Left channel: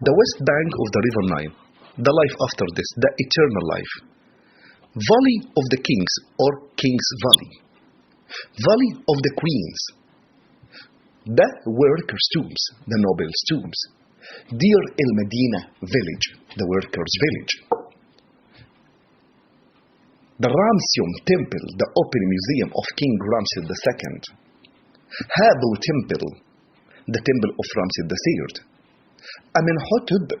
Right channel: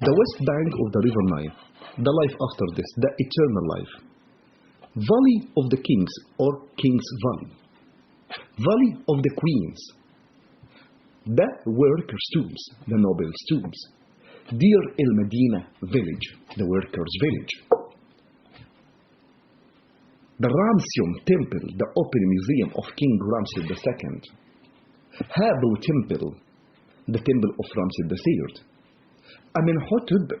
The west bank of the river Nile, the life after this, the eternal life. Valley of the kings or King's Valley. Valley of the queens. The workers' tombs, the nobles' tombs. Deir el-Medina village, the workers' village. The Ramesses temple, the open museum of King Ramses II. Habu temple, the temple of Ramses III. Amenhotep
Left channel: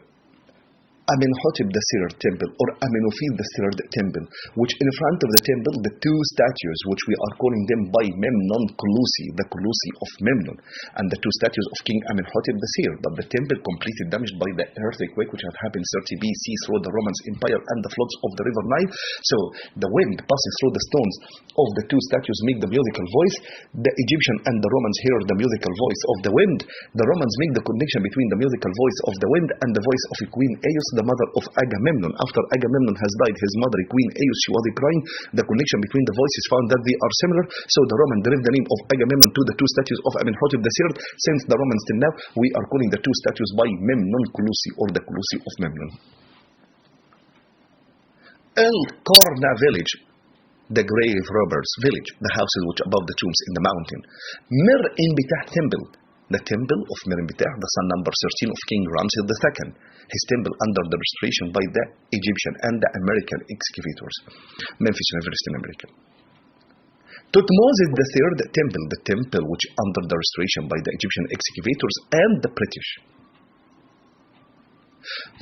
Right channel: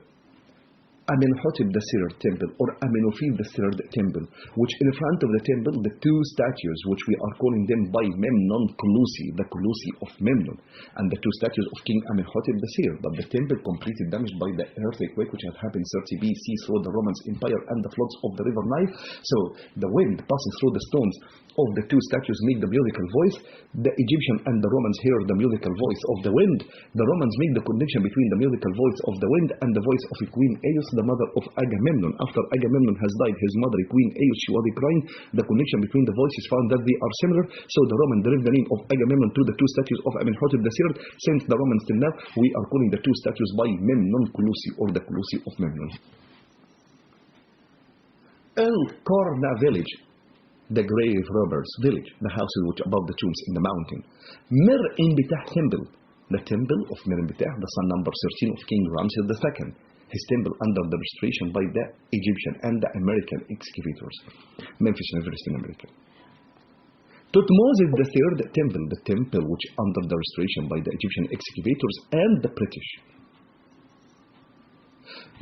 III temple or Amenophi III temple, which in front of the temple, the two statues, which we are calling them by Memnon Colossi, the Colossi of Memnon, and the two statues of King Amenhotep III. But the temple completely damaged by the earthquake which had happened 30 BC through the Roman Empire and the floods of the river Nile. So the wind passing through the stones of the two statues make the musical voice. The Egyptian and the Romans hear the musical voice of the wind. The Romans make the connection between the musical voice of the wind and the voice of Queen Eos, the mother of Agamemnon. After Agamemnon has died, his mother, Queen Eos, she was crying. The connection between the voices found that they are similar. So the Roman derived the name of Agamemnon to the two statues of Amenhotep III. Since the Romans till now, we are calling the two statues by Memnon Colossi or the Colossi of Memnon. El-Qarna village, the grave robbers village, the houses which above the tombs in the mountain. Mir-Inbitah temple, the temple of Mir-Inbitah, the son number 13 of King Ramses II. His temple under the restoration by the Egyptian and the American excavators. Memphis University in America. Thutmose III temple, the temple which under the restoration by the Egyptian excavators and the British.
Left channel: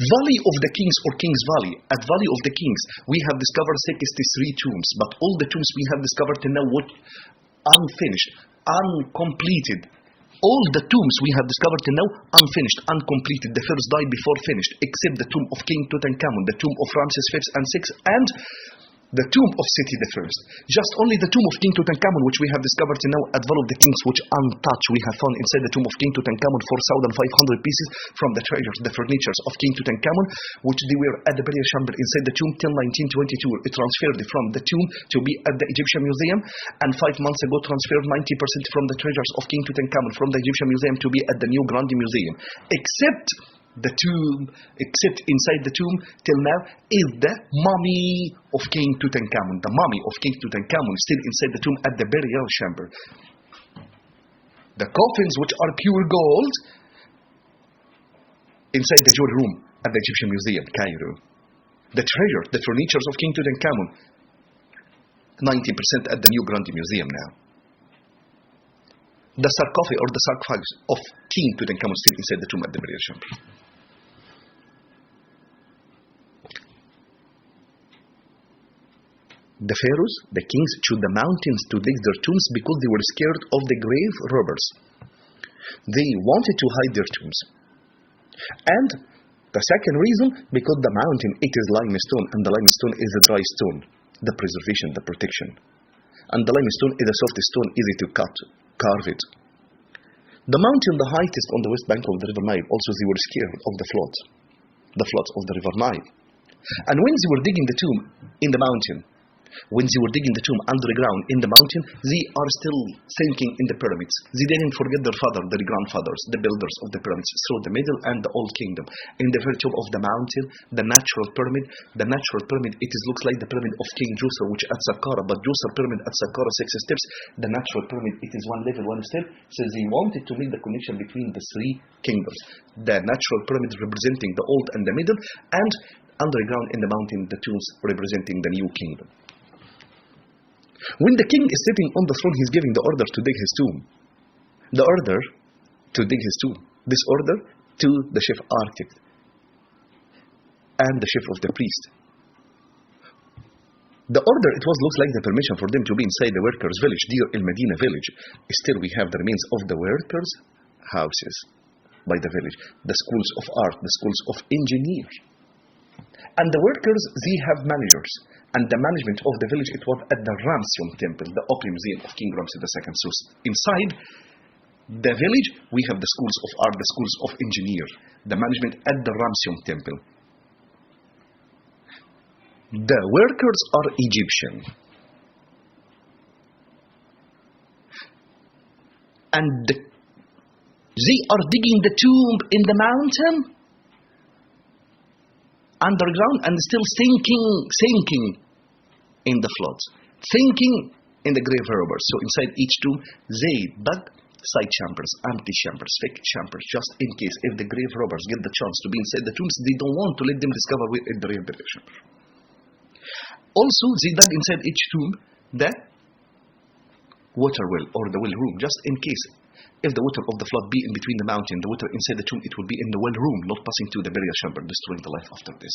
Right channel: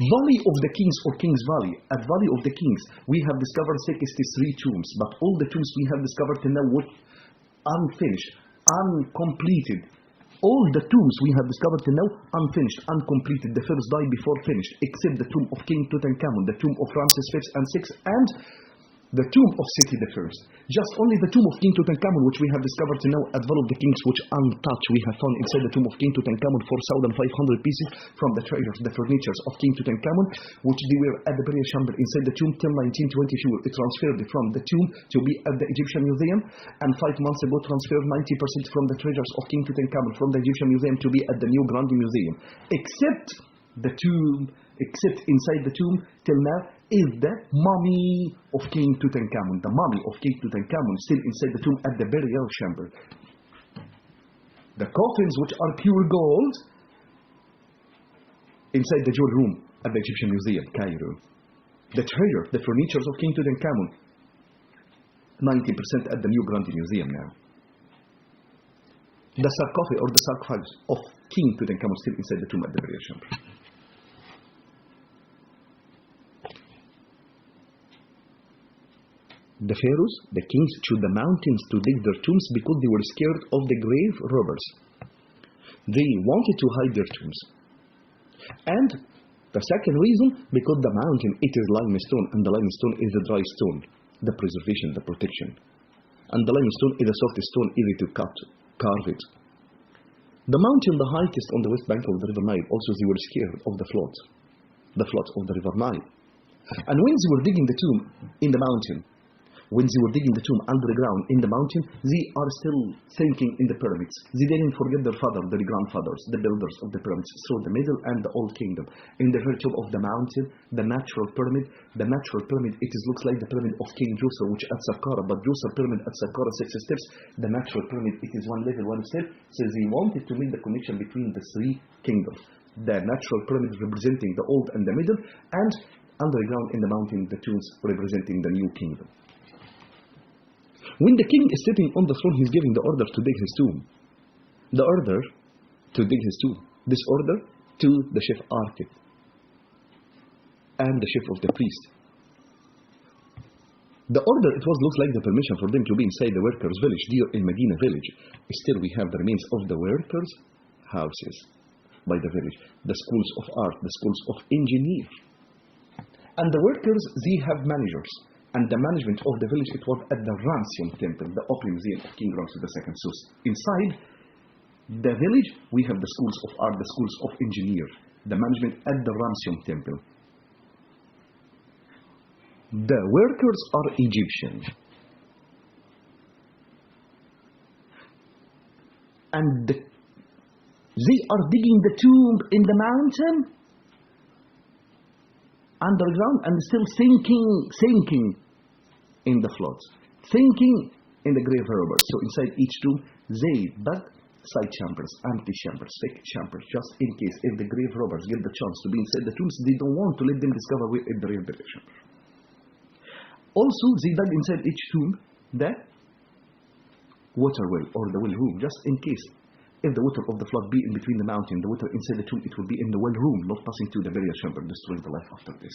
Valley of the Kings or King's Valley. At Valley of the Kings, we have discovered 63 tombs, but all the tombs we have discovered till now were unfinished, uncompleted. All the tombs we have discovered till now unfinished, uncompleted. The first died before finished, except the tomb of King Tutankhamun, the tomb of Ramses V and VI, and the tomb of Seti I. Just only the tomb of King Tutankhamun, which we have discovered till now at Valley of the Kings, which untouched. We have found inside the tomb of King Tutankhamun 4,500 pieces from the treasures, the furnitures of King Tutankhamun, which they were at the burial chamber inside the tomb till 1922. It transferred from the tomb to be at the Egyptian Museum, and 5 months ago transferred 90% from the treasures of King Tutankhamun from the Egyptian Museum to be at the new Grand Museum. Except inside the tomb till now is the mummy of King Tutankhamun. The mummy of King Tutankhamun is still inside the tomb at the burial chamber. The coffins, which are pure gold, inside the jewel room at the Egyptian Museum, Cairo. The treasure, the furnitures of King Tutankhamun, 90% at the new Grand Museum now. The sarcophagus or the sarcophagus of King Tutankhamun still inside the tomb at the burial chamber. The pharaohs, the kings, chose the mountains to dig their tombs because they were scared of the grave robbers. They wanted to hide their tombs. And the second reason, because the mountain, it is limestone, and the limestone is a dry stone, the preservation, the protection. And the limestone is a soft stone, easy to cut, carve it. The mountain, the highest on the west bank of the river Nile, also they were scared of the floods of the river Nile. And when they were digging the tomb in the mountain, when they were digging the tomb underground in the mountain, they are still thinking in the pyramids. They didn't forget their grandfathers, the builders of the pyramids through the Middle and the Old Kingdom. In the virtue of the mountain, the natural pyramid, it looks like the pyramid of King Djoser, which at Saqqara, but Djoser pyramid at Saqqara 6 steps. The natural pyramid, it is one level, one step. So they wanted to make the connection between the three kingdoms. The natural pyramid representing the Old and the Middle, and underground in the mountain, the tombs representing the new kingdom. When the king is sitting on the throne, he's giving the order to dig his tomb. The order to dig his tomb. This order to the chief architect and the chief of the priest. The order, it looks like the permission for them to be inside the workers' village, Deir el-Medina village. Still, we have the remains of the workers' houses by the village, the schools of art, the schools of engineers. And the workers, they have managers. And the management of the village, it was at the Ramesses temple, the open museum of King Ramses II. So inside the village, we have the schools of art, the schools of engineers, the management at the Ramesses temple. The workers are Egyptian. And they are digging the tomb in the mountain underground and still sinking in the floods, sinking in the grave robbers. So inside each tomb, they dug side chambers, empty chambers, fake chambers, just in case if the grave robbers get the chance to be inside the tombs, they don't want to let them discover where is the real burial chamber. Also, they dug inside each tomb the water well or the well room, just in case if the water of the flood be in between the mountain, the water inside the tomb, it will be in the well room, not passing to the burial chamber, destroying the life after this.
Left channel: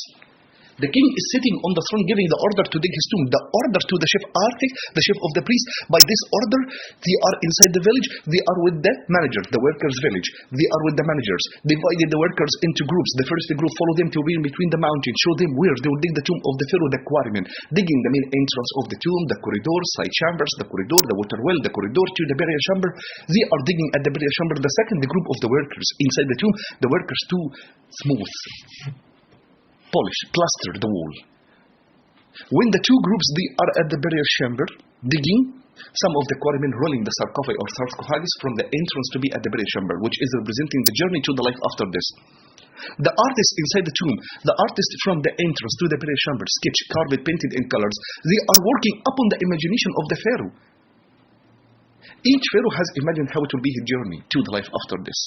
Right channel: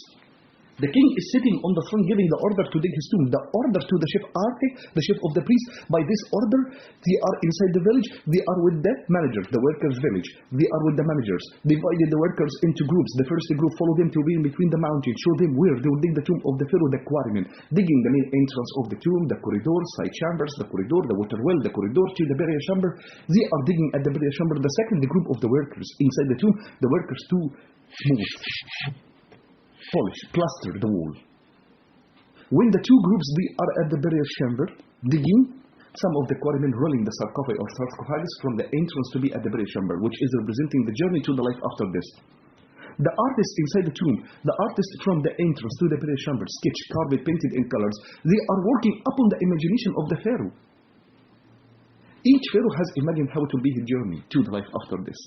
The king is sitting on the throne giving the order to dig his tomb. The order to the chief architect, the chief of the priest. By this order, they are inside the village. They are with the manager, the workers' village. They are with the managers. Divided the workers into groups. The first group follow them to be in between the mountain. Show them where they will dig the tomb of the pharaoh, the quarrymen. Digging the main entrance of the tomb, the corridor, side chambers, the corridor, the water well, the corridor to the burial chamber. They are digging at the burial chamber. The second group of the workers inside the tomb, the workers to smooth, polish, plaster the wall. When the two groups they are at the burial chamber digging, some of the quarrymen rolling the sarcophagi or sarcophagus from the entrance to be at the burial chamber, which is representing the journey to the life after this. The artist inside the tomb, the artist from the entrance to the burial chamber, sketch, carved, painted in colors, they are working upon the imagination of the pharaoh. Each pharaoh has imagined how it will be his journey to the life after this,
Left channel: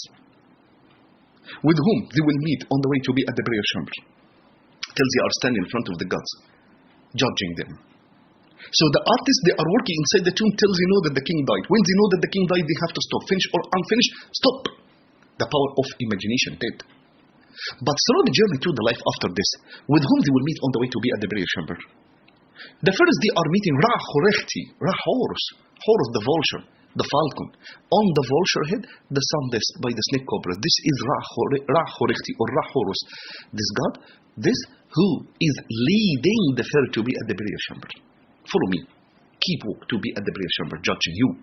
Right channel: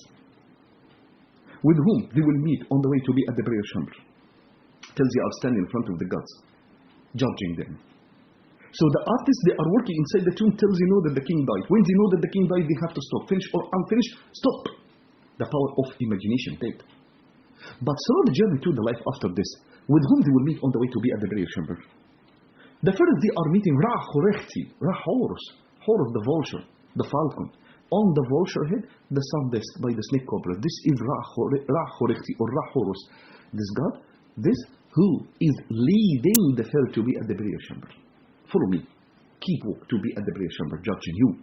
with whom they will meet on the way to be at the burial chamber, till they are standing in front of the gods, judging them. So the artists, they are working inside the tomb till they know that the king died. When they know that the king died, they have to stop. Finished or unfinished, stop. The power of imagination dead. But through the journey to the life after this, with whom they will meet on the way to be at the burial chamber. The first they are meeting Ra-Horechti, Ra-Horus, Horus the vulture, the falcon. On the vulture head, the sun disk by the snake cobra. This is Ra-Horechti or Ra-Horus. This god, this who is leading the pharaoh to be at the burial chamber. Follow me. Keep walk to be at the burial chamber, judging you.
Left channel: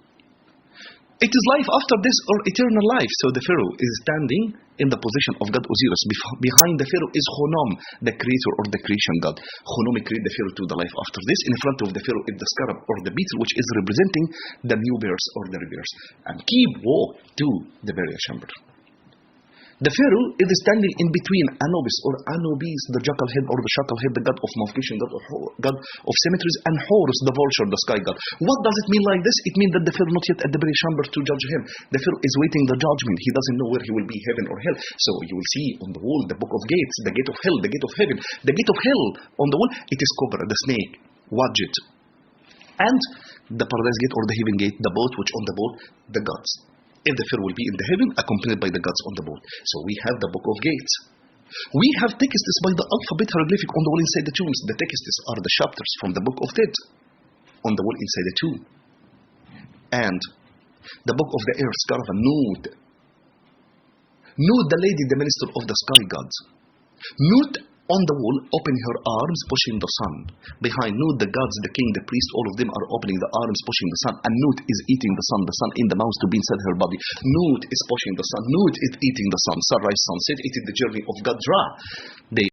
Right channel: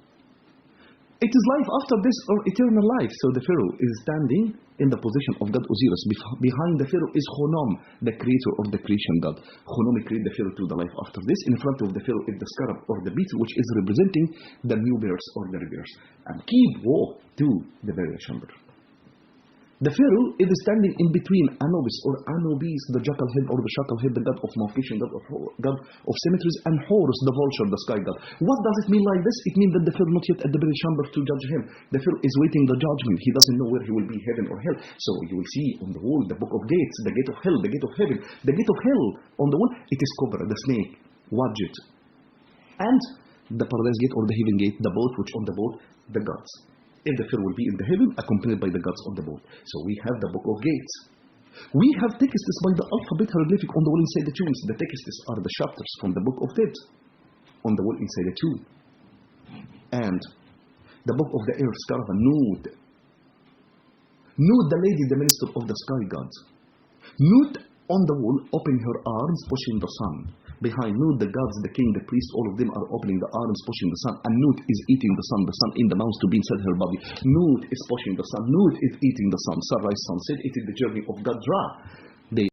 It is life after this or eternal life. So the pharaoh is standing in the position of God Osiris. Behind the pharaoh is Khnum, the creator or the creation god. Khnum created the pharaoh to the life after this. In front of the pharaoh is the scarab or the beetle, which is representing the new births or the rebirths. And keep walk to the burial chamber. The pharaoh is standing in between Anubis or Anubis, the jackal head or the shackle head, the god of mummification, god of cemeteries, and Horus, the vulture, the sky god. What does it mean like this? It means that the pharaoh not yet at the burial chamber to judge him. The pharaoh is waiting the judgment. He doesn't know where he will be, heaven or hell. So you will see on the wall the book of gates, the gate of hell, the gate of heaven, the gate of hell. On the wall, it is cobra, the snake, Wadjet, and the paradise gate or the heaven gate, the boat, which on the boat, the gods. If the pharaoh will be in the heaven, accompanied by the gods on the boat. So we have the book of gates. We have texts by the alphabet hieroglyphic on the wall inside the tombs. The texts are the chapters from the book of dead on the wall inside the tomb. And the book of the earth's caravan, Nut. Nut, the lady, the minister of the sky gods. Nut on the wall, opening her arms, pushing the sun. Behind Nut, the gods, the king, the priest, all of them are opening the arms, pushing the sun. And Nut is eating the sun in the mouth to be inside her body. Nut is pushing the sun. Nut is eating the sun. Sunrise, sunset. It is the journey of God's Ra. They